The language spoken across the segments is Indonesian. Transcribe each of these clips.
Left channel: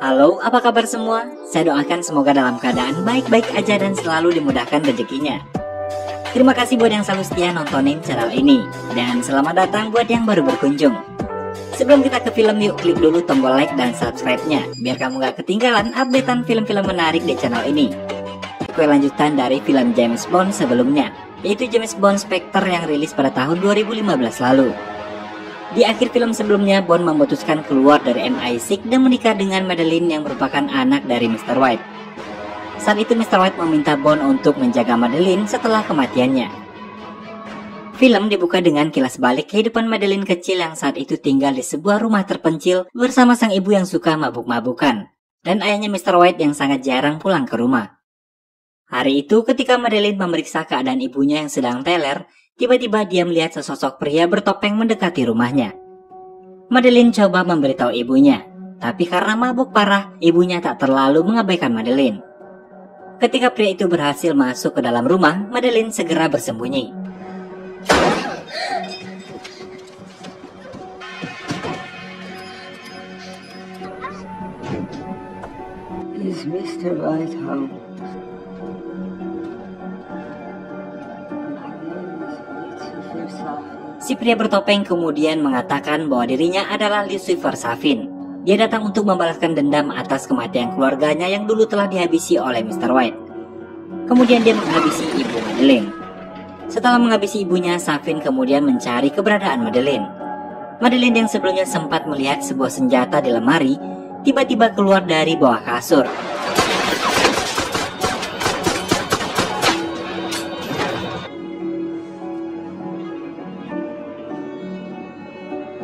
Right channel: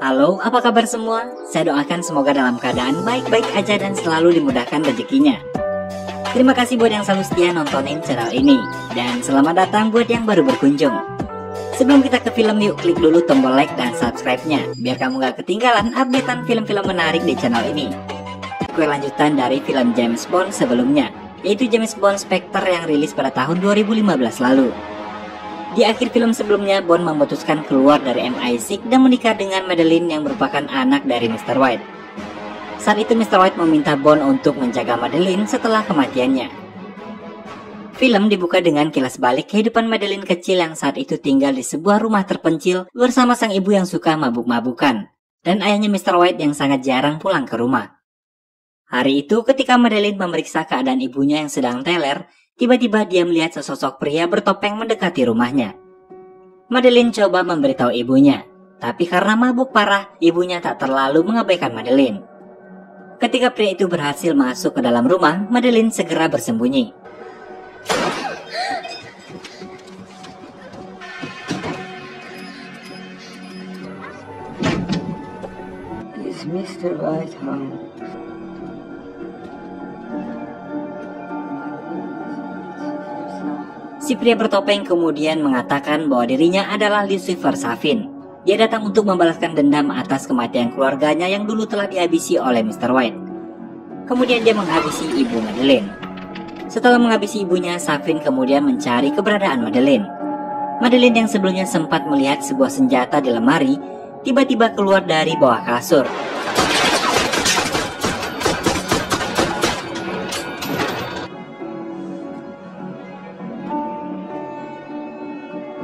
Halo, apa kabar semua? Saya doakan semoga dalam keadaan baik-baik aja dan selalu dimudahkan rezekinya. Terima kasih buat yang selalu setia nontonin channel ini. Dan selamat datang buat yang baru berkunjung. Sebelum kita ke film, yuk klik dulu tombol like dan subscribe-nya, biar kamu gak ketinggalan updatean film-film menarik di channel ini. Kue lanjutan dari film James Bond sebelumnya, yaitu James Bond Spectre yang rilis pada tahun 2015 lalu. Di akhir film sebelumnya, Bond memutuskan keluar dari MI6 dan menikah dengan Madeleine yang merupakan anak dari Mr. White. Saat itu Mr. White meminta Bond untuk menjaga Madeleine setelah kematiannya. Film dibuka dengan kilas balik kehidupan Madeleine kecil yang saat itu tinggal di sebuah rumah terpencil bersama sang ibu yang suka mabuk-mabukan, dan ayahnya Mr. White yang sangat jarang pulang ke rumah. Hari itu ketika Madeleine memeriksa keadaan ibunya yang sedang teler, tiba-tiba dia melihat sesosok pria bertopeng mendekati rumahnya. Madeleine coba memberitahu ibunya, tapi karena mabuk parah, ibunya tak terlalu mengabaikan Madeleine. Ketika pria itu berhasil masuk ke dalam rumah, Madeleine segera bersembunyi. Is Mr. White home? Si pria bertopeng kemudian mengatakan bahwa dirinya adalah Lucifer Safin. Dia datang untuk membalaskan dendam atas kematian keluarganya yang dulu telah dihabisi oleh Mr. White. Kemudian dia menghabisi ibu Madeleine. Setelah menghabisi ibunya, Safin kemudian mencari keberadaan Madeleine. Madeleine yang sebelumnya sempat melihat sebuah senjata di lemari, tiba-tiba keluar dari bawah kasur.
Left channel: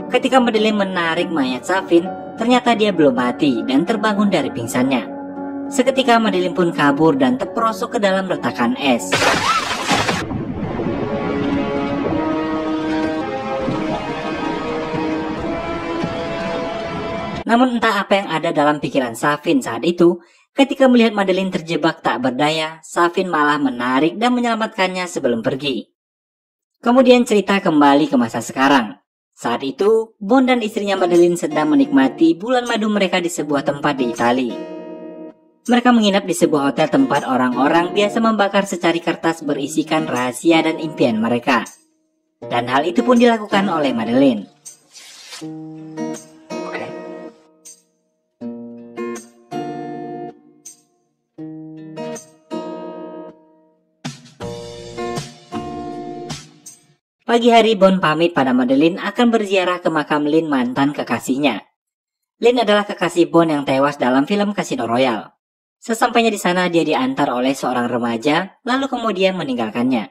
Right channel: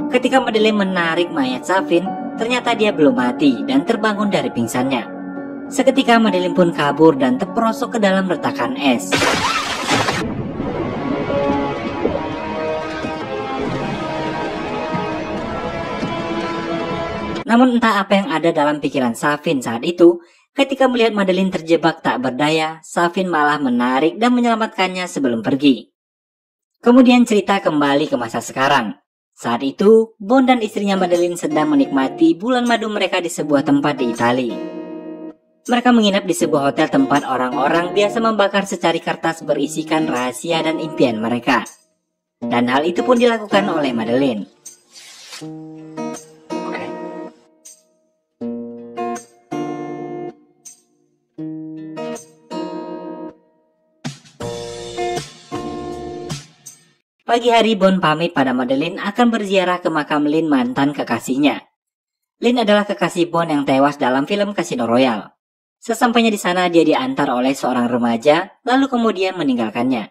Ketika Madeleine menarik mayat Safin, ternyata dia belum mati dan terbangun dari pingsannya. Seketika Madeleine pun kabur dan terperosok ke dalam retakan es. Namun entah apa yang ada dalam pikiran Safin saat itu, ketika melihat Madeleine terjebak tak berdaya, Safin malah menarik dan menyelamatkannya sebelum pergi. Kemudian cerita kembali ke masa sekarang. Saat itu, Bond dan istrinya Madeleine sedang menikmati bulan madu mereka di sebuah tempat di Italia. Mereka menginap di sebuah hotel tempat orang-orang biasa membakar secari kertas berisikan rahasia dan impian mereka. Dan hal itu pun dilakukan oleh Madeleine. Pagi hari, Bond pamit pada Madeleine akan berziarah ke makam Lynn, mantan kekasihnya. Lynn adalah kekasih Bond yang tewas dalam film Casino Royale. Sesampainya di sana, dia diantar oleh seorang remaja, lalu kemudian meninggalkannya.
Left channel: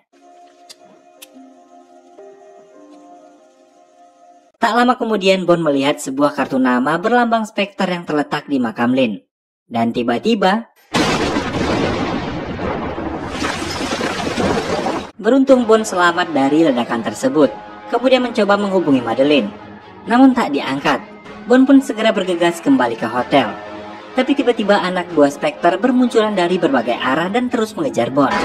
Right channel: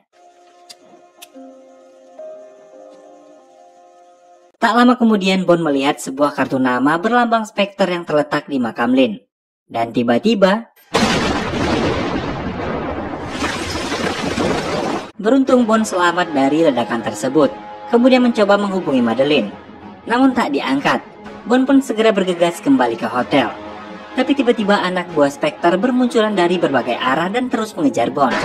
Tak lama kemudian, Bond melihat sebuah kartu nama berlambang Spectre yang terletak di makam Lynn. Dan tiba-tiba, beruntung Bond selamat dari ledakan tersebut, kemudian mencoba menghubungi Madeleine. Namun tak diangkat. Bond pun segera bergegas kembali ke hotel. Tapi tiba-tiba anak buah Spectre bermunculan dari berbagai arah dan terus mengejar Bond.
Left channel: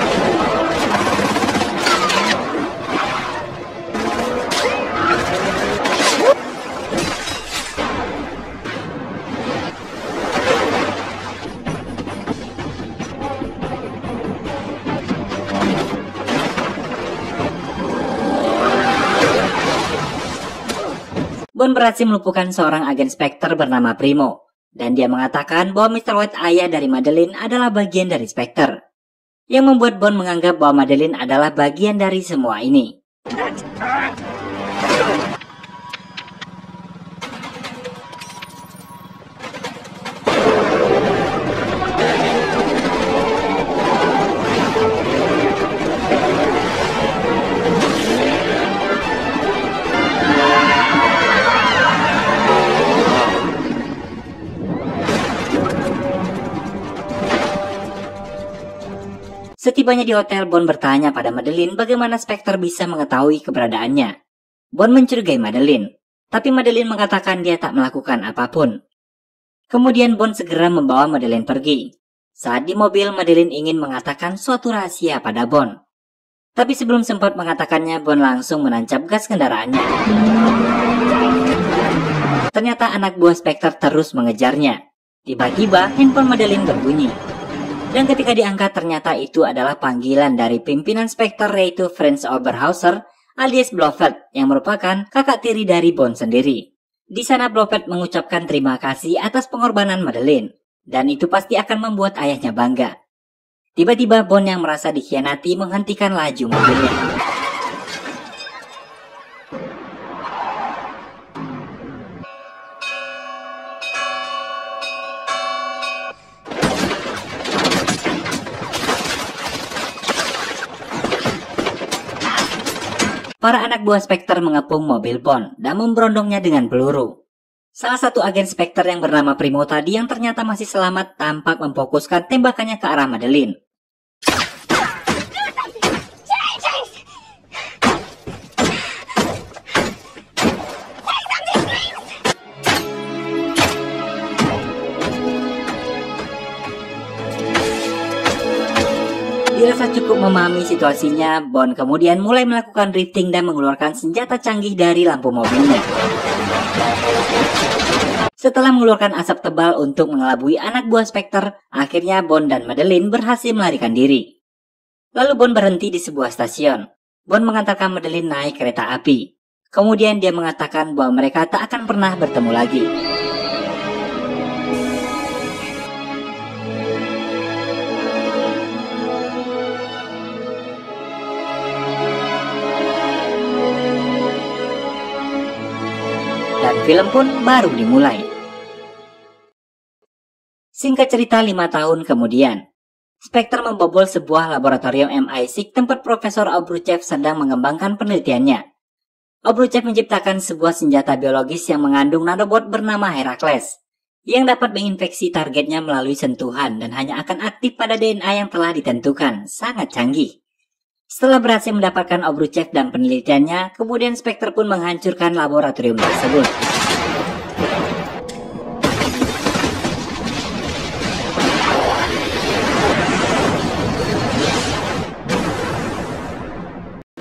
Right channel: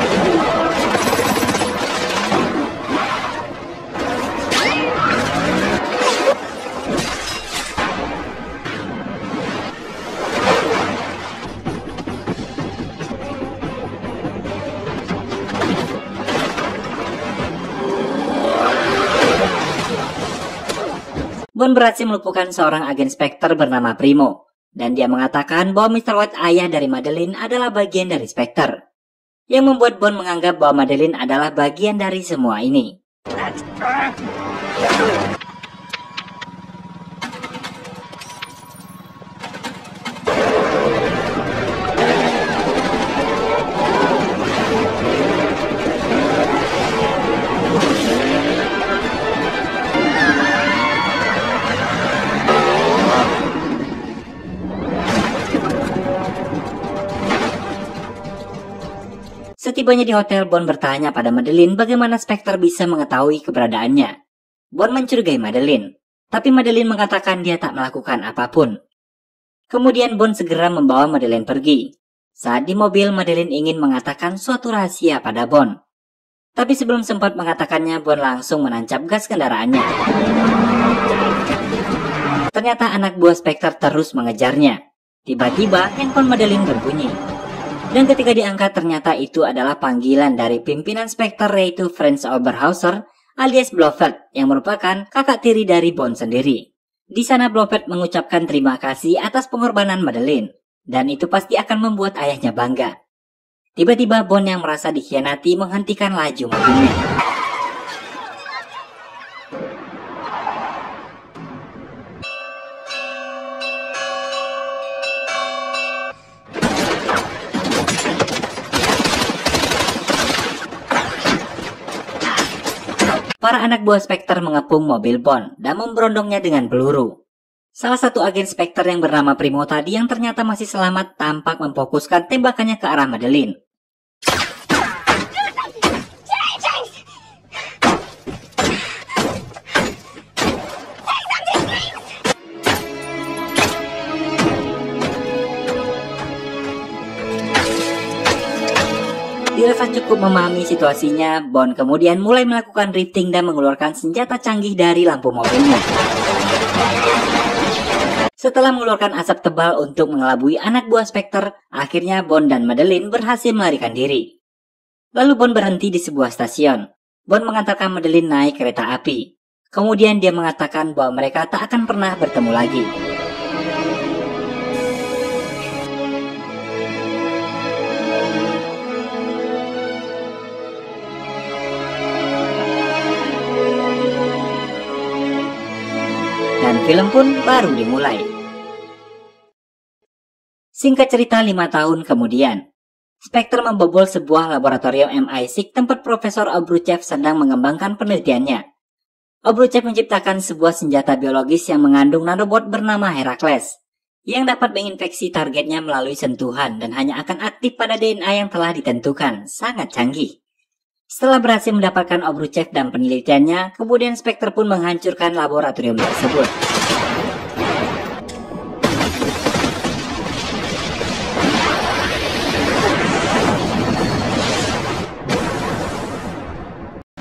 Bond berhasil melumpuhkan seorang agen Spectre bernama Primo, dan dia mengatakan bahwa Mr. White, ayah dari Madeleine, adalah bagian dari Spectre, yang membuat Bond menganggap bahwa Madeleine adalah bagian dari semua ini. Setibanya di hotel, Bond bertanya pada Madeline bagaimana Spectre bisa mengetahui keberadaannya. Bond mencurigai Madeline, tapi Madeline mengatakan dia tak melakukan apapun. Kemudian Bond segera membawa Madeline pergi. Saat di mobil, Madeline ingin mengatakan suatu rahasia pada Bond. Tapi sebelum sempat mengatakannya, Bond langsung menancap gas kendaraannya. Ternyata anak buah Spectre terus mengejarnya. Tiba-tiba handphone Madeline berbunyi. Dan ketika diangkat, ternyata itu adalah panggilan dari pimpinan Spectre, yaitu Franz Oberhauser alias Blofeld, yang merupakan kakak tiri dari Bond sendiri. Di sana Blofeld mengucapkan terima kasih atas pengorbanan Madeline, dan itu pasti akan membuat ayahnya bangga. Tiba-tiba Bond yang merasa dikhianati menghentikan laju mobilnya. Para anak buah Spectre mengepung mobil Bond dan memberondongnya dengan peluru. Salah satu agen Spectre yang bernama Primo tadi yang ternyata masih selamat tampak memfokuskan tembakannya ke arah Madeline. Dirasa cukup memahami situasinya, Bond kemudian mulai melakukan drifting dan mengeluarkan senjata canggih dari lampu mobilnya. Setelah mengeluarkan asap tebal untuk mengelabui anak buah Spectre, akhirnya Bond dan Madeline berhasil melarikan diri. Lalu Bond berhenti di sebuah stasiun. Bond mengantarkan Madeline naik kereta api. Kemudian dia mengatakan bahwa mereka tak akan pernah bertemu lagi. Dan film pun baru dimulai. Singkat cerita, 5 tahun kemudian, Spectre membobol sebuah laboratorium MI6 tempat Profesor Obruchev sedang mengembangkan penelitiannya. Obruchev menciptakan sebuah senjata biologis yang mengandung nanobot bernama Heracles, yang dapat menginfeksi targetnya melalui sentuhan dan hanya akan aktif pada DNA yang telah ditentukan. Sangat canggih. Setelah berhasil mendapatkan Obruchev dan penelitiannya, kemudian Spectre pun menghancurkan laboratorium tersebut.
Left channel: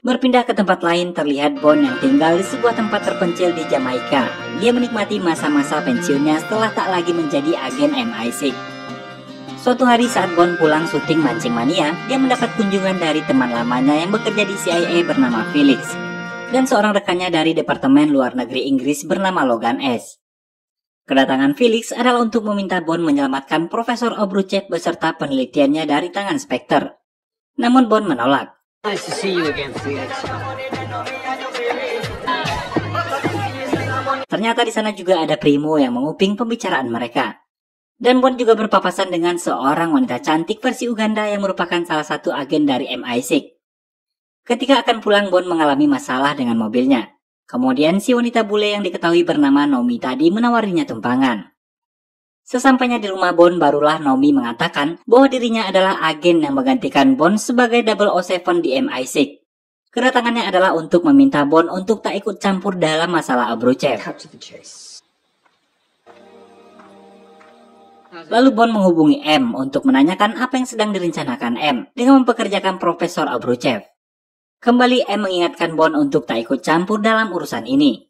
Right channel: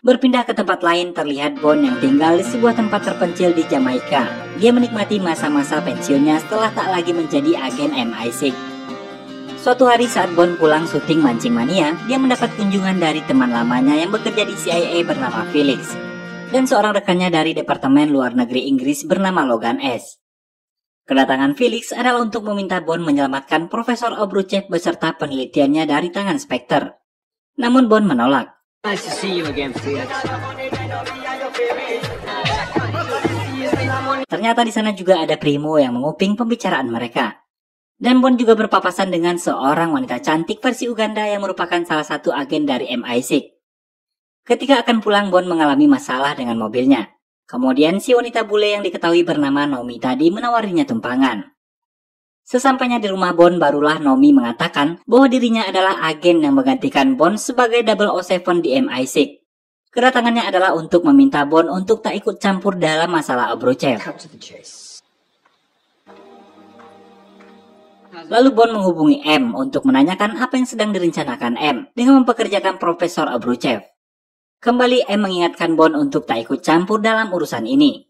Berpindah ke tempat lain, terlihat Bond yang tinggal di sebuah tempat terpencil di Jamaika. Dia menikmati masa-masa pensiunnya setelah tak lagi menjadi agen MI6. Suatu hari saat Bond pulang syuting Mancing Mania, dia mendapat kunjungan dari teman lamanya yang bekerja di CIA bernama Felix, dan seorang rekannya dari Departemen Luar Negeri Inggris bernama Logan S. Kedatangan Felix adalah untuk meminta Bond menyelamatkan Profesor Obruchev beserta penelitiannya dari tangan Spectre. Namun Bond menolak. Nice to see you again, Felix. Ternyata di sana juga ada Primo yang menguping pembicaraan mereka. Dan Bond juga berpapasan dengan seorang wanita cantik versi Uganda yang merupakan salah satu agen dari MI6. Ketika akan pulang, Bond mengalami masalah dengan mobilnya. Kemudian si wanita bule yang diketahui bernama Nomi tadi menawarinya tumpangan. Sesampainya di rumah Bond, barulah Nomi mengatakan bahwa dirinya adalah agen yang menggantikan Bond sebagai 007 di MI6. Kedatangannya adalah untuk meminta Bond untuk tak ikut campur dalam masalah Obruchev. Lalu Bond menghubungi M untuk menanyakan apa yang sedang direncanakan M dengan mempekerjakan Profesor Obruchev. Kembali M mengingatkan Bond untuk tak ikut campur dalam urusan ini.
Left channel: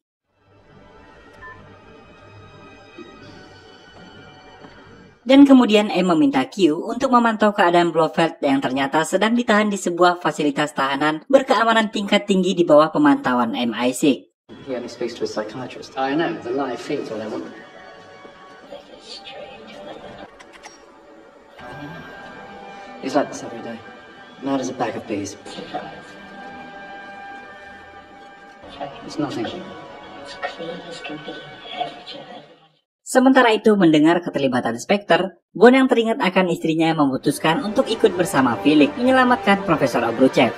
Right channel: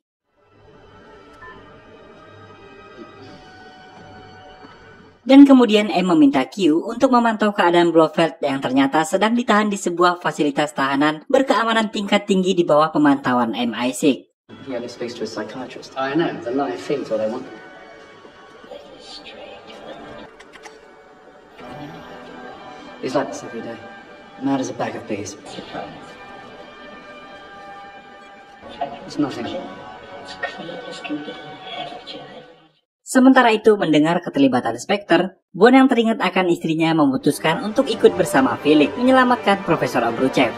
Dan kemudian M meminta Q untuk memantau keadaan Blofeld yang ternyata sedang ditahan di sebuah fasilitas tahanan berkeamanan tingkat tinggi di bawah pemantauan MI6. He only speaks to a psychiatrist. I know, the live thing's what I want. He's like this every day. Mad as a bag of bees. It's nothing. Sementara itu, mendengar keterlibatan Spectre, Bond yang teringat akan istrinya memutuskan untuk ikut bersama Felix menyelamatkan Profesor Obruchev.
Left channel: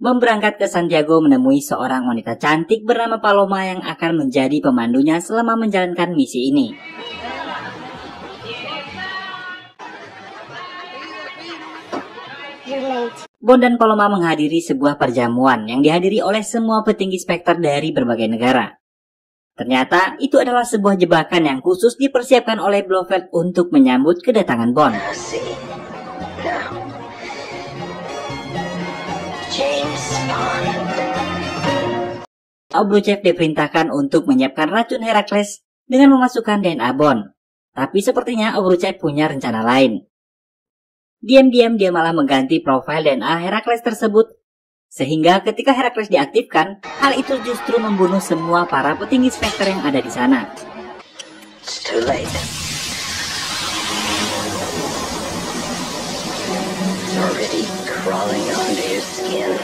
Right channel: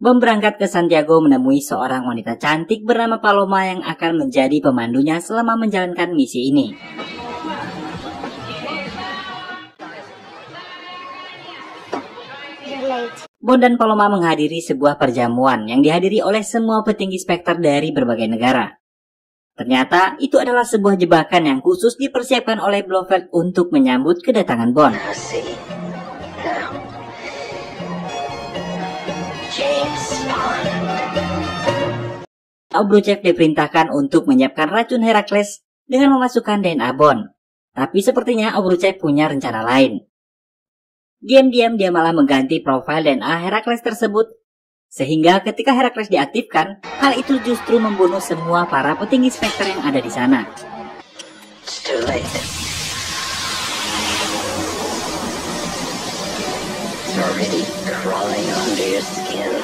Bon berangkat ke Santiago menemui seorang wanita cantik bernama Paloma yang akan menjadi pemandunya selama menjalankan misi ini. Bon dan Paloma menghadiri sebuah perjamuan yang dihadiri oleh semua petinggi Spectre dari berbagai negara. Ternyata itu adalah sebuah jebakan yang khusus dipersiapkan oleh Blofeld untuk menyambut kedatangan Bon. Obruchev diperintahkan untuk menyiapkan racun Herakles dengan memasukkan DNA Bon. Tapi sepertinya Obruchev punya rencana lain. Diam-diam dia malah mengganti profil DNA Herakles tersebut, sehingga ketika Herakles diaktifkan, hal itu justru membunuh semua para petinggi Spectre yang ada di sana. It's too late. It's already crawling under your skin.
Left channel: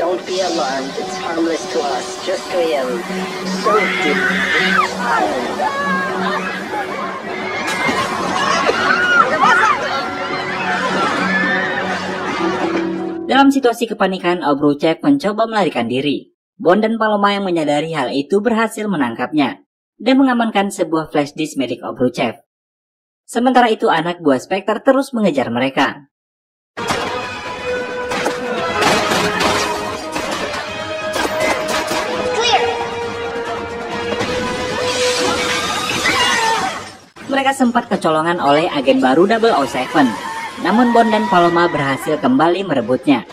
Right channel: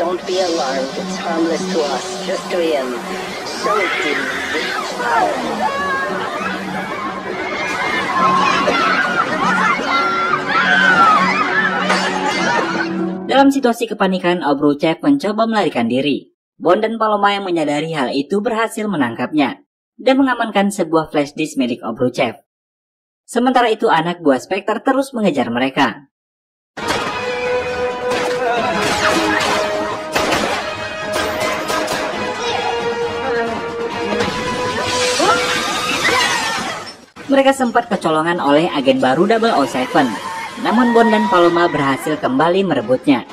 Don't be alarmed, it's harmless to us, just to him. So deep. Dalam situasi kepanikan, Obruchev mencoba melarikan diri. Bon dan Paloma yang menyadari hal itu berhasil menangkapnya dan mengamankan sebuah flash disk milik Obruchev. Sementara itu anak buah Spectre terus mengejar mereka. Mereka sempat kecolongan oleh agen baru 007. Namun Bon dan Paloma berhasil kembali merebutnya.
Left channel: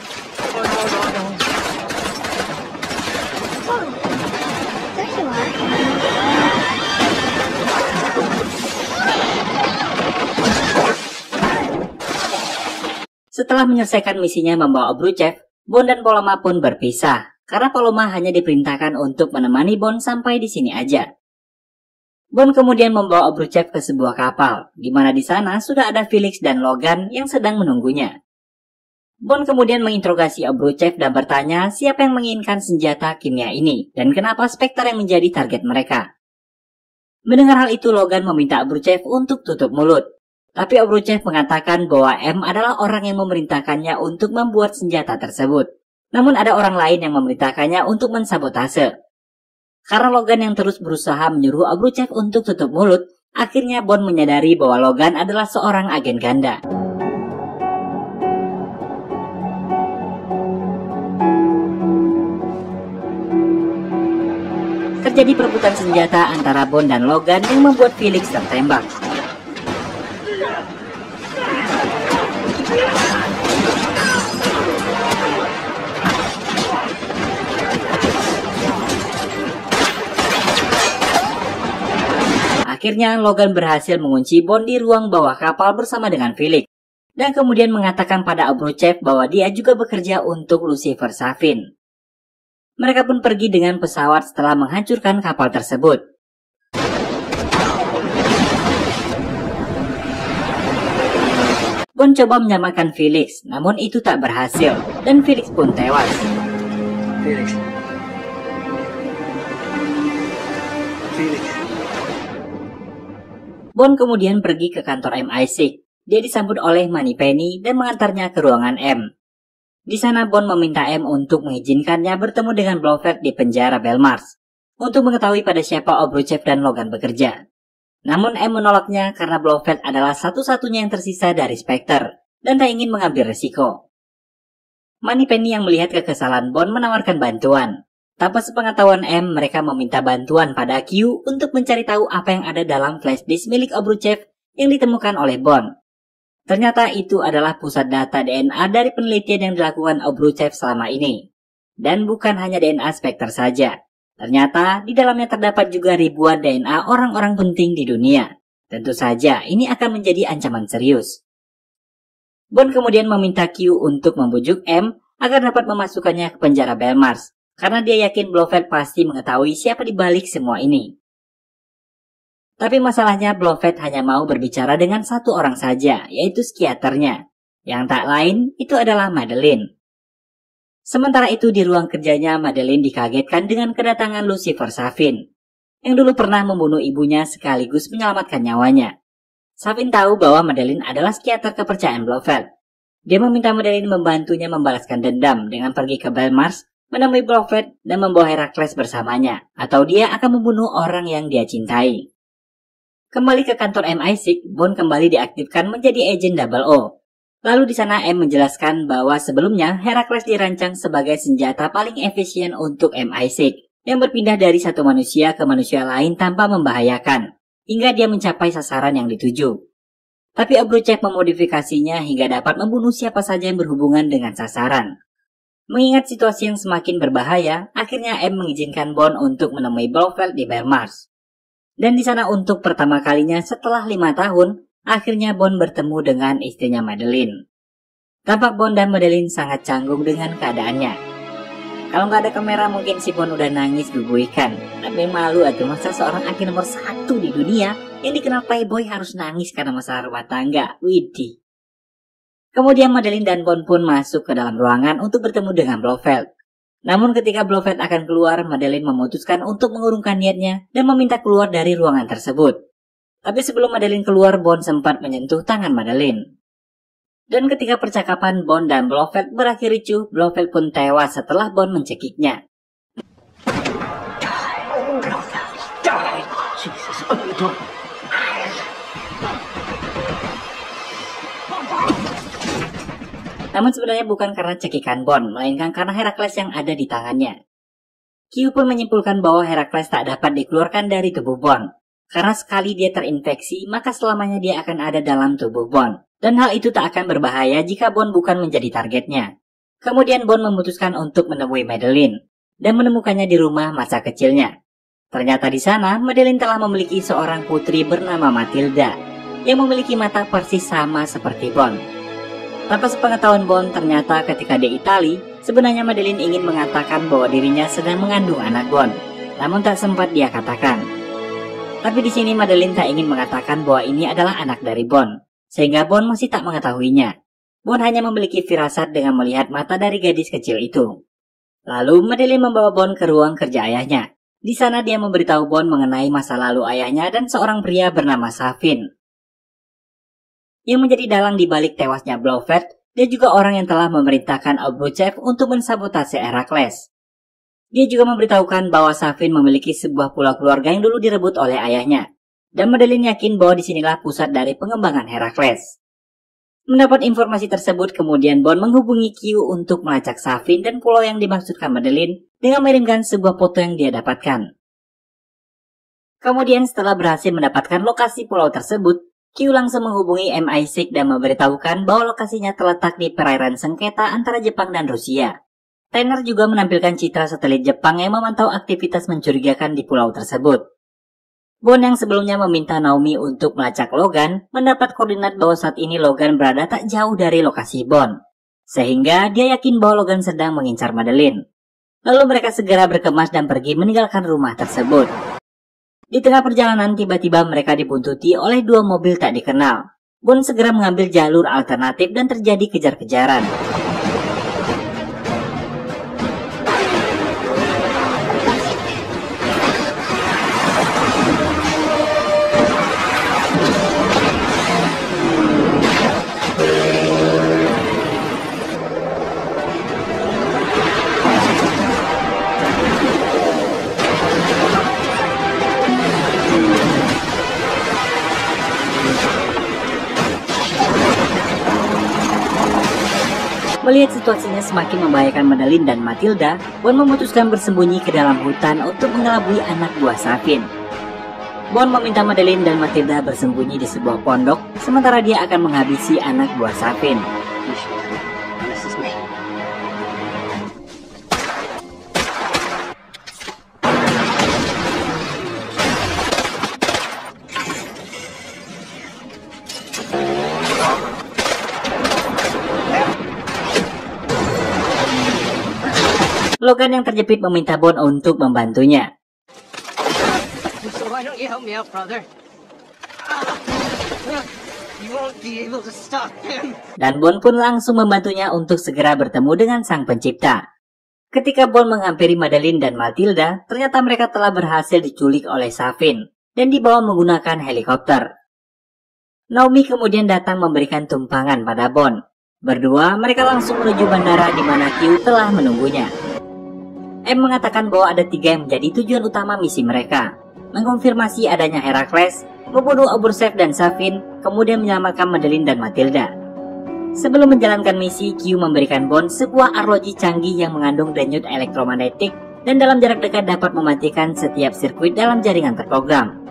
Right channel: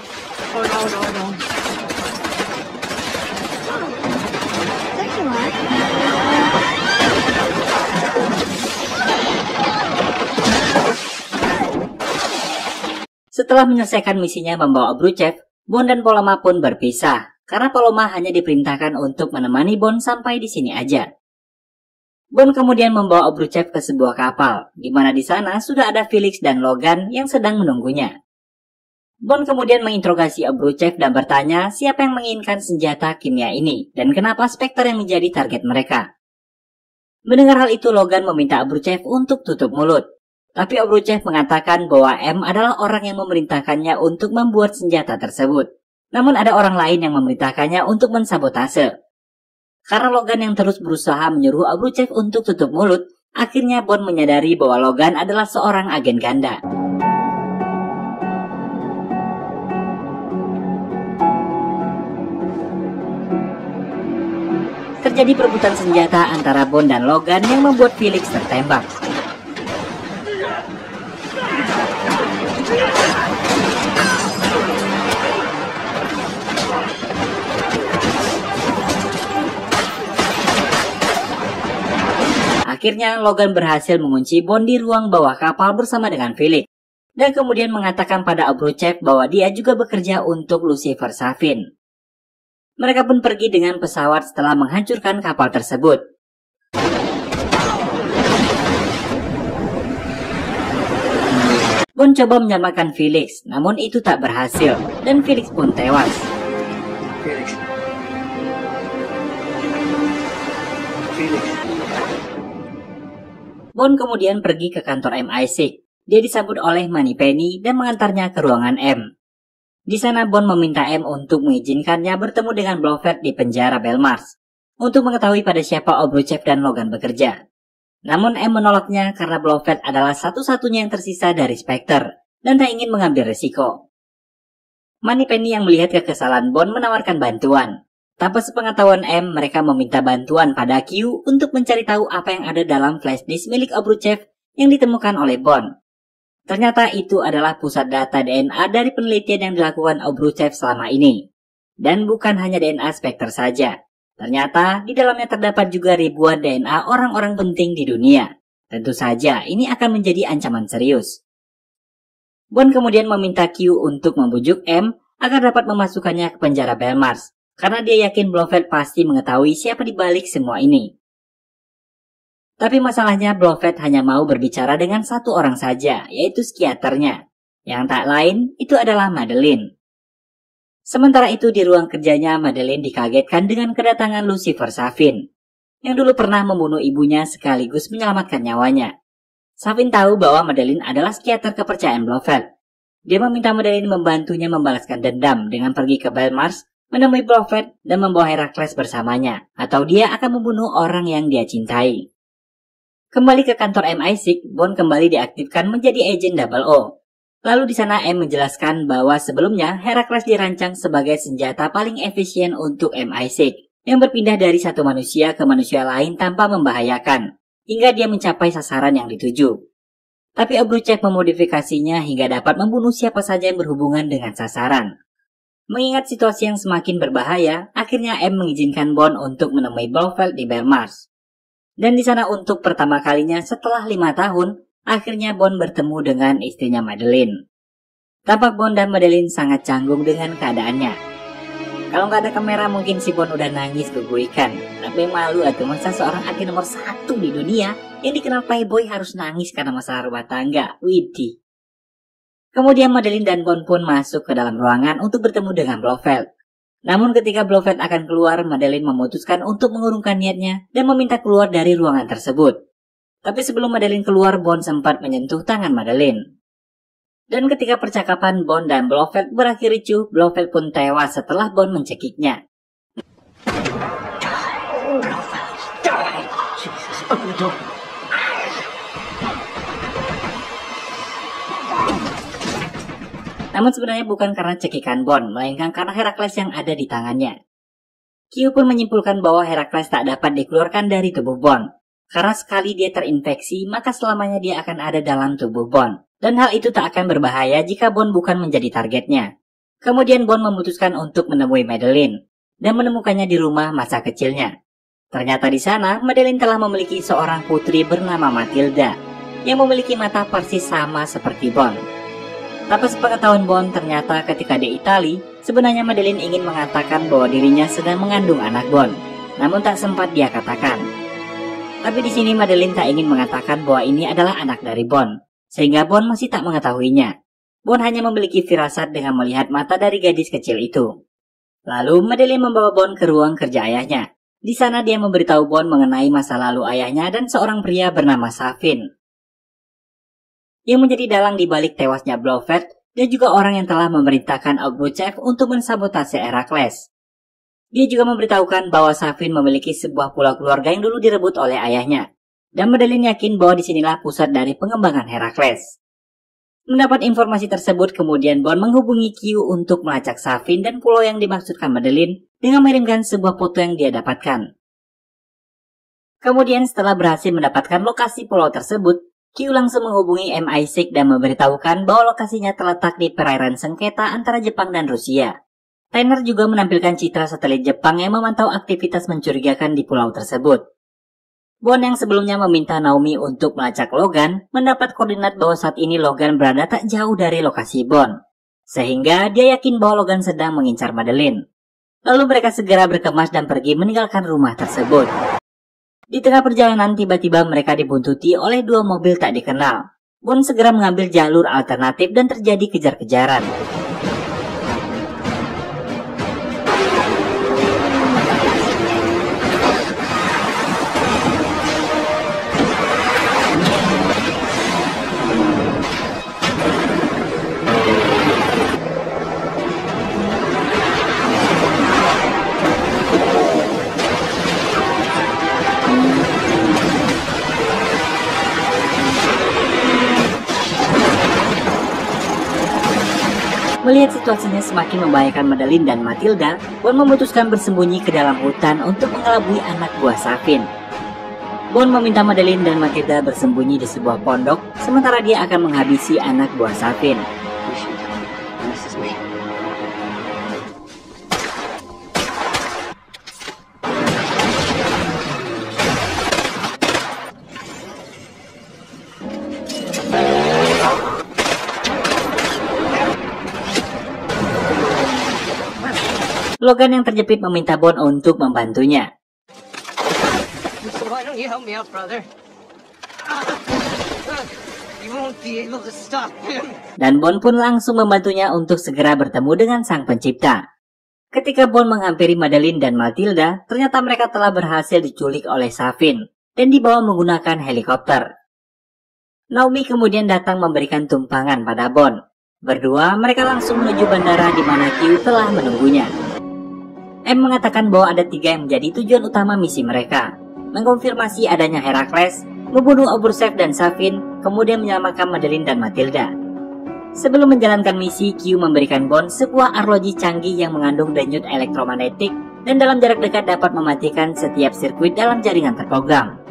Setelah menyelesaikan misinya membawa Obruchev, Bon dan Paloma pun berpisah karena Paloma hanya diperintahkan untuk menemani Bon sampai di sini aja. Bon kemudian membawa Obruchev ke sebuah kapal, di mana di sana sudah ada Felix dan Logan yang sedang menunggunya. Bon kemudian menginterogasi Obruchev dan bertanya siapa yang menginginkan senjata kimia ini dan kenapa Spectre yang menjadi target mereka. Mendengar hal itu, Logan meminta Obruchev untuk tutup mulut. Tapi Obruchev mengatakan bahwa M adalah orang yang memerintahkannya untuk membuat senjata tersebut. Namun ada orang lain yang memerintahkannya untuk mensabotase. Karena Logan yang terus berusaha menyuruh Obruchev untuk tutup mulut, akhirnya Bon menyadari bahwa Logan adalah seorang agen ganda. Terjadi perebutan senjata antara Bon dan Logan yang membuat Felix tertembak. Akhirnya Logan berhasil mengunci Bon di ruang bawah kapal bersama dengan Felix, dan kemudian mengatakan pada Obruchev bahwa dia juga bekerja untuk Lucifer Safin. Mereka pun pergi dengan pesawat setelah menghancurkan kapal tersebut. Bon coba menyelamatkan Felix, namun itu tak berhasil, dan Felix pun tewas. Felix. Bon kemudian pergi ke kantor MI6. Dia disambut oleh Moneypenny dan mengantarnya ke ruangan M. Di sana Bon meminta M untuk mengizinkannya bertemu dengan Blofeld di penjara Belmars untuk mengetahui pada siapa Obruchev dan Logan bekerja. Namun M menolaknya karena Blofeld adalah satu-satunya yang tersisa dari Spectre dan tak ingin mengambil risiko. Moneypenny yang melihat kekesalan Bon menawarkan bantuan. Tanpa sepengetahuan M, mereka meminta bantuan pada Q untuk mencari tahu apa yang ada dalam flash disk milik Obruchev yang ditemukan oleh Bon. Ternyata itu adalah pusat data DNA dari penelitian yang dilakukan Obruchev selama ini. Dan bukan hanya DNA Spectre saja. Ternyata di dalamnya terdapat juga ribuan DNA orang-orang penting di dunia. Tentu saja ini akan menjadi ancaman serius. Bon kemudian meminta Q untuk membujuk M agar dapat memasukkannya ke penjara Belmars. Karena dia yakin Blofeld pasti mengetahui siapa di balik semua ini. Tapi masalahnya Blofeld hanya mau berbicara dengan satu orang saja, yaitu psikiaternya. Yang tak lain, itu adalah Madeleine. Sementara itu di ruang kerjanya, Madeleine dikagetkan dengan kedatangan Lucifer Safin, yang dulu pernah membunuh ibunya sekaligus menyelamatkan nyawanya. Safin tahu bahwa Madeleine adalah psikiater kepercayaan Blofeld. Dia meminta Madeline membantunya membalaskan dendam dengan pergi ke Belmars, menemui Blofeld dan membawa Herakles bersamanya, atau dia akan membunuh orang yang dia cintai. Kembali ke kantor MI6, Bond kembali diaktifkan menjadi agen 00. Lalu di sana M menjelaskan bahwa sebelumnya Herakles dirancang sebagai senjata paling efisien untuk MI6, yang berpindah dari satu manusia ke manusia lain tanpa membahayakan, hingga dia mencapai sasaran yang dituju. Tapi Obruchev memodifikasinya hingga dapat membunuh siapa saja yang berhubungan dengan sasaran. Mengingat situasi yang semakin berbahaya, akhirnya M mengizinkan Bond untuk menemui Blofeld di Belmars. Dan di sana untuk pertama kalinya setelah 5 tahun, akhirnya Bond bertemu dengan istrinya Madeline. Tampak Bond dan Madeline sangat canggung dengan keadaannya. Kalau nggak ada kamera mungkin si Bond udah nangis kegoikan. Tapi malu atau masa seorang aktor nomor 1 di dunia yang dikenal playboy harus nangis karena masalah rumah tangga. Widih. Kemudian Madeline dan Bond pun masuk ke dalam ruangan untuk bertemu dengan Blofeld. Namun ketika Blofeld akan keluar, Madeline memutuskan untuk mengurungkan niatnya dan meminta keluar dari ruangan tersebut. Tapi sebelum Madeline keluar, Bond sempat menyentuh tangan Madeline. Dan ketika percakapan Bond dan Blofeld berakhir ricuh, Blofeld pun tewas setelah Bond mencekiknya. Namun sebenarnya bukan karena cekikan Bond, melainkan karena Herakles yang ada di tangannya. Q pun menyimpulkan bahwa Herakles tak dapat dikeluarkan dari tubuh Bond. Karena sekali dia terinfeksi, maka selamanya dia akan ada dalam tubuh Bond. Dan hal itu tak akan berbahaya jika Bond bukan menjadi targetnya. Kemudian Bond memutuskan untuk menemui Madeline dan menemukannya di rumah masa kecilnya. Ternyata di sana Madeline telah memiliki seorang putri bernama Matilda yang memiliki mata persis sama seperti Bond. Tanpa sepengetahuan Bond, ternyata ketika di Italia, sebenarnya Madeline ingin mengatakan bahwa dirinya sedang mengandung anak Bond, namun tak sempat dia katakan. Tapi di sini Madeline tak ingin mengatakan bahwa ini adalah anak dari Bond. Sehingga Bond masih tak mengetahuinya. Bond hanya memiliki firasat dengan melihat mata dari gadis kecil itu. Lalu Madeline membawa Bond ke ruang kerja ayahnya. Di sana dia memberitahu Bond mengenai masa lalu ayahnya dan seorang pria bernama Safin, yang menjadi dalang di balik tewasnya Blofeld dan juga orang yang telah memerintahkan Obruchev untuk mensabotase Herakles. Dia juga memberitahukan bahwa Safin memiliki sebuah pulau keluarga yang dulu direbut oleh ayahnya. Dan Madeline yakin bahwa disinilah pusat dari pengembangan Herakles. Mendapat informasi tersebut, kemudian Bond menghubungi Q untuk melacak Safin dan pulau yang dimaksudkan Madeline dengan mengirimkan sebuah foto yang dia dapatkan. Kemudian setelah berhasil mendapatkan lokasi pulau tersebut, Q langsung menghubungi MI6 dan memberitahukan bahwa lokasinya terletak di perairan sengketa antara Jepang dan Rusia. Tanner juga menampilkan citra satelit Jepang yang memantau aktivitas mencurigakan di pulau tersebut. Bond yang sebelumnya meminta Naomi untuk melacak Logan, mendapat koordinat bahwa saat ini Logan berada tak jauh dari lokasi Bond. Sehingga dia yakin bahwa Logan sedang mengincar Madeline. Lalu mereka segera berkemas dan pergi meninggalkan rumah tersebut. Di tengah perjalanan tiba-tiba mereka dibuntuti oleh 2 mobil tak dikenal. Bond segera mengambil jalur alternatif dan terjadi kejar-kejaran. Melihat situasinya semakin membahayakan Madeline dan Matilda, Bond memutuskan bersembunyi ke dalam hutan untuk mengelabui anak buah Safin. Bond meminta Madeline dan Matilda bersembunyi di sebuah pondok, sementara dia akan menghabisi anak buah Safin. This is me. Logan yang terjepit meminta Bond untuk membantunya. So why don't you help me out, brother? You won't be able to stop him. Dan Bond pun langsung membantunya untuk segera bertemu dengan sang pencipta. Ketika Bond menghampiri Madeline dan Matilda, ternyata mereka telah berhasil diculik oleh Safin dan dibawa menggunakan helikopter. Naomi kemudian datang memberikan tumpangan pada Bond. Berdua mereka langsung menuju bandara di mana Q telah menunggunya. M mengatakan bahwa ada 3 yang menjadi tujuan utama misi mereka: mengkonfirmasi adanya Herakles, membunuh Obrushev dan Safin, kemudian menyelamatkan Madeline dan Matilda. Sebelum menjalankan misi, Q memberikan Bond sebuah arloji canggih yang mengandung denyut elektromagnetik dan dalam jarak dekat dapat mematikan setiap sirkuit dalam jaringan terprogram.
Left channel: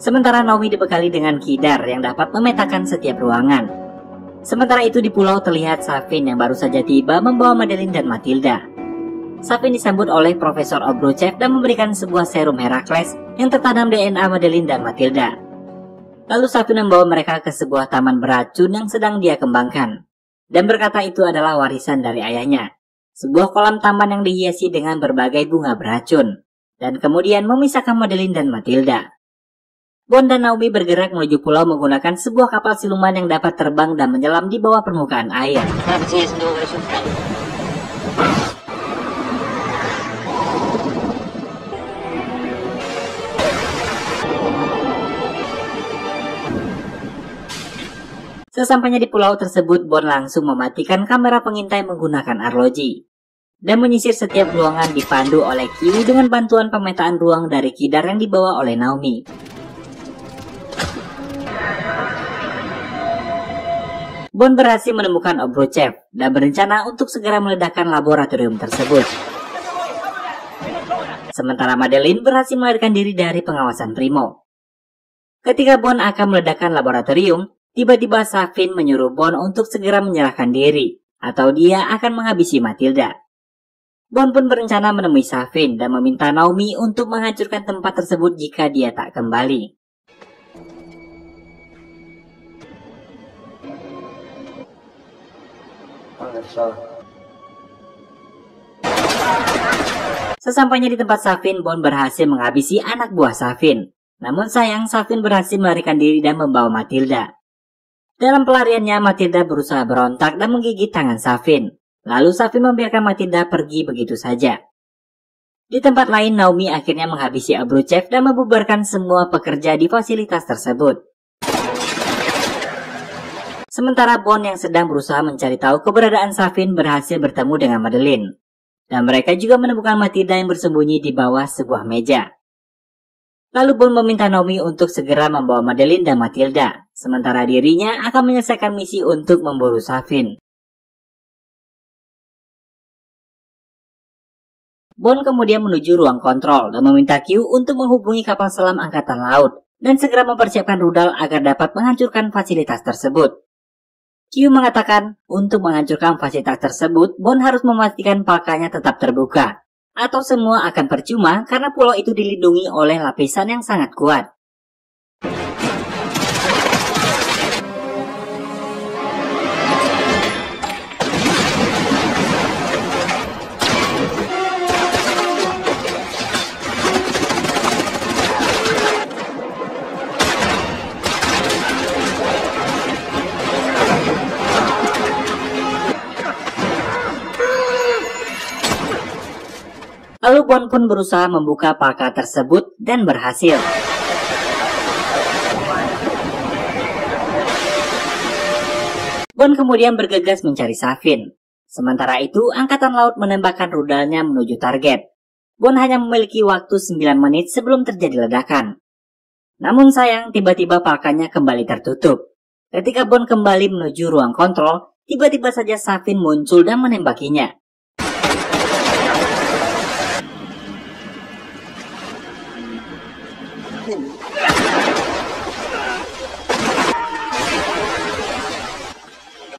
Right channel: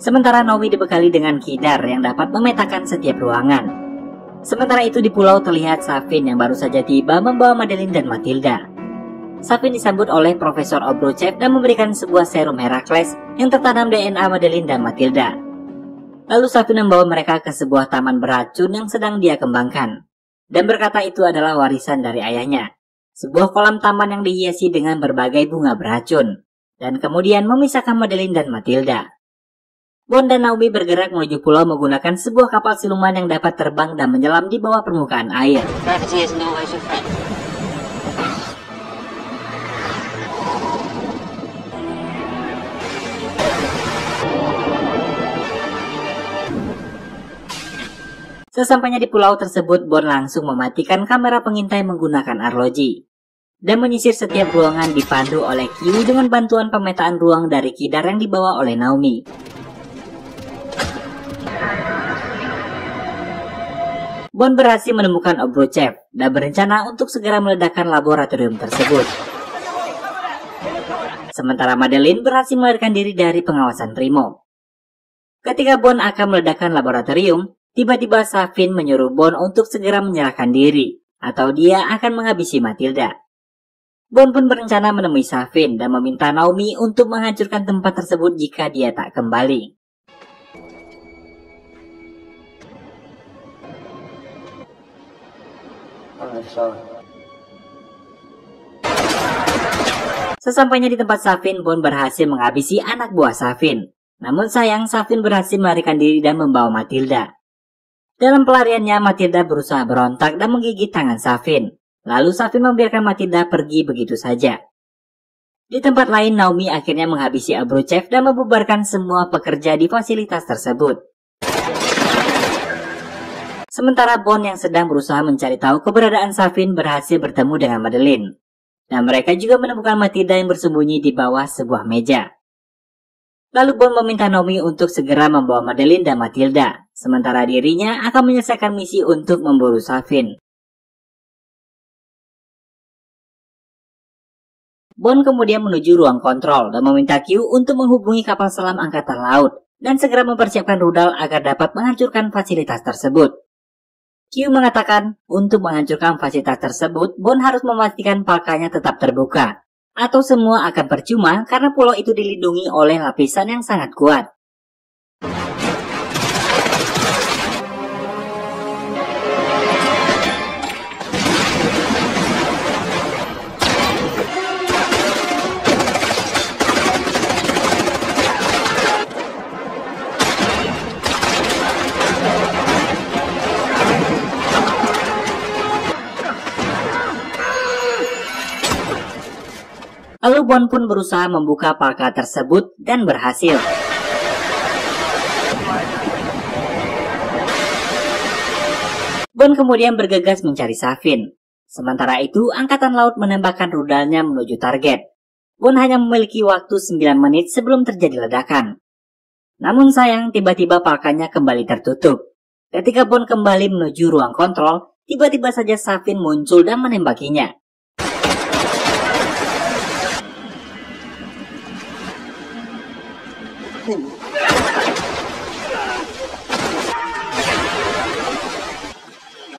Sementara Naomi dibekali dengan kidar yang dapat memetakan setiap ruangan. Sementara itu di pulau terlihat Safin yang baru saja tiba membawa Madeline dan Matilda. Safin disambut oleh Profesor Obruchev dan memberikan sebuah serum Herakles yang tertanam DNA Madeline dan Matilda. Lalu Safin membawa mereka ke sebuah taman beracun yang sedang dia kembangkan, dan berkata itu adalah warisan dari ayahnya, sebuah kolam taman yang dihiasi dengan berbagai bunga beracun, dan kemudian memisahkan Madeline dan Matilda. Bond dan Naomi bergerak menuju pulau menggunakan sebuah kapal siluman yang dapat terbang dan menyelam di bawah permukaan air. Sesampainya di pulau tersebut, Bond langsung mematikan kamera pengintai menggunakan arloji dan menyisir setiap ruangan dipandu oleh Q dengan bantuan pemetaan ruang dari kidar yang dibawa oleh Naomi. Bond berhasil menemukan Obruchev dan berencana untuk segera meledakkan laboratorium tersebut. Sementara Madeline berhasil melarikan diri dari pengawasan Primo. Ketika Bond akan meledakkan laboratorium, tiba-tiba Safin menyuruh Bond untuk segera menyerahkan diri, atau dia akan menghabisi Matilda. Bond pun berencana menemui Safin dan meminta Naomi untuk menghancurkan tempat tersebut jika dia tak kembali. Sesampainya di tempat Safin, Bond berhasil menghabisi anak buah Safin. Namun sayang, Safin berhasil melarikan diri dan membawa Matilda. Dalam pelariannya, Matilda berusaha berontak dan menggigit tangan Safin. Lalu Safin membiarkan Matilda pergi begitu saja. Di tempat lain, Naomi akhirnya menghabisi Obruchev dan membubarkan semua pekerja di fasilitas tersebut. Sementara Bond yang sedang berusaha mencari tahu keberadaan Safin berhasil bertemu dengan Madeline. Dan mereka juga menemukan Matilda yang bersembunyi di bawah sebuah meja. Lalu Bond meminta Naomi untuk segera membawa Madeline dan Matilda, sementara dirinya akan menyelesaikan misi untuk memburu Safin. Bond kemudian menuju ruang kontrol dan meminta Q untuk menghubungi kapal selam angkatan laut dan segera mempersiapkan rudal agar dapat menghancurkan fasilitas tersebut. Q mengatakan untuk menghancurkan fasilitas tersebut, Bond harus memastikan palkanya tetap terbuka, atau semua akan percuma karena pulau itu dilindungi oleh lapisan yang sangat kuat. Lalu Bond pun berusaha membuka palka tersebut dan berhasil. Bond kemudian bergegas mencari Safin. Sementara itu, Angkatan Laut menembakkan rudalnya menuju target. Bond hanya memiliki waktu 9 menit sebelum terjadi ledakan. Namun sayang, tiba-tiba palkanya kembali tertutup. Ketika Bond kembali menuju ruang kontrol, tiba-tiba saja Safin muncul dan menembakinya.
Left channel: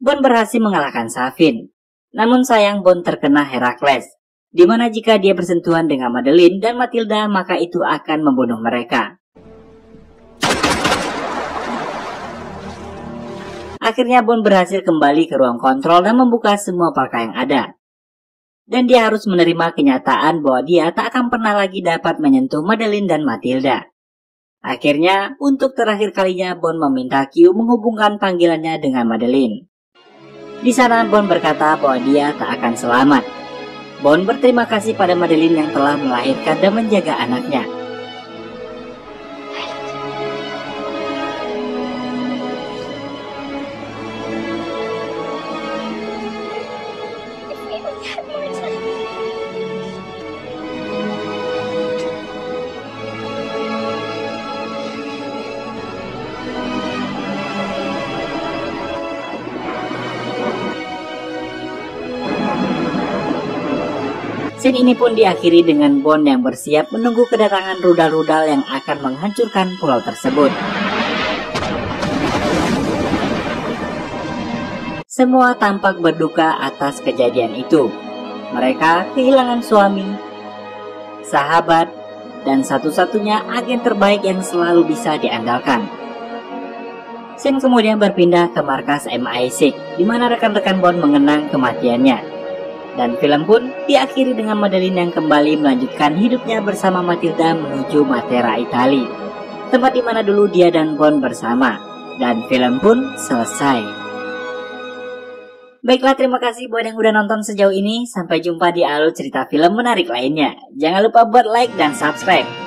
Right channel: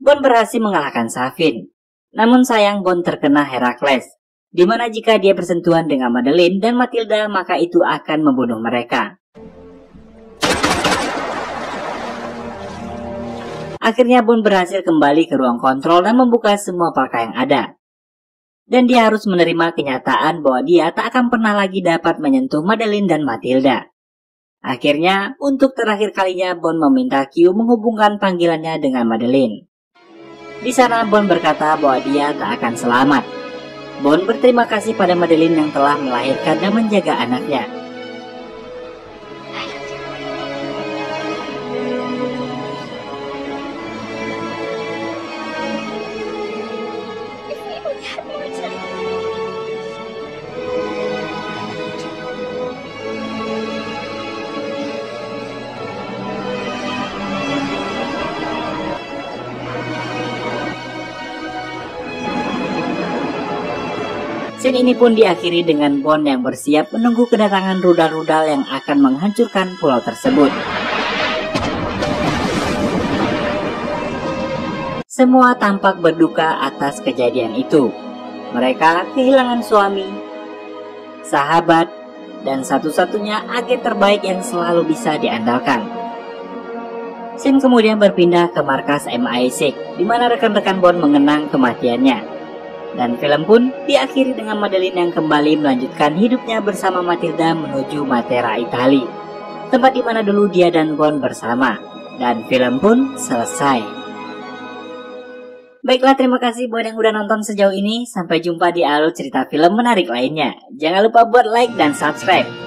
Bond berhasil mengalahkan Safin. Namun sayang Bond terkena Herakles, di mana jika dia bersentuhan dengan Madeline dan Matilda maka itu akan membunuh mereka. Akhirnya Bond berhasil kembali ke ruang kontrol dan membuka semua palka yang ada. Dan dia harus menerima kenyataan bahwa dia tak akan pernah lagi dapat menyentuh Madeline dan Matilda. Akhirnya, untuk terakhir kalinya Bond meminta Q menghubungkan panggilannya dengan Madeline. Di sana Bond berkata bahwa dia tak akan selamat. Bond berterima kasih pada Madeline yang telah melahirkan dan menjaga anaknya. Scene ini pun diakhiri dengan Bond yang bersiap menunggu kedatangan rudal-rudal yang akan menghancurkan pulau tersebut. Semua tampak berduka atas kejadian itu. Mereka kehilangan suami, sahabat, dan satu-satunya agen terbaik yang selalu bisa diandalkan. Scene kemudian berpindah ke markas MI6, di mana rekan-rekan Bond mengenang kematiannya. Dan film pun diakhiri dengan Madeline yang kembali melanjutkan hidupnya bersama Matilda menuju Matera, Italia, tempat di mana dulu dia dan Bond bersama. Dan film pun selesai. Baiklah, terima kasih buat yang udah nonton sejauh ini. Sampai jumpa di alur cerita film menarik lainnya. Jangan lupa buat like dan subscribe.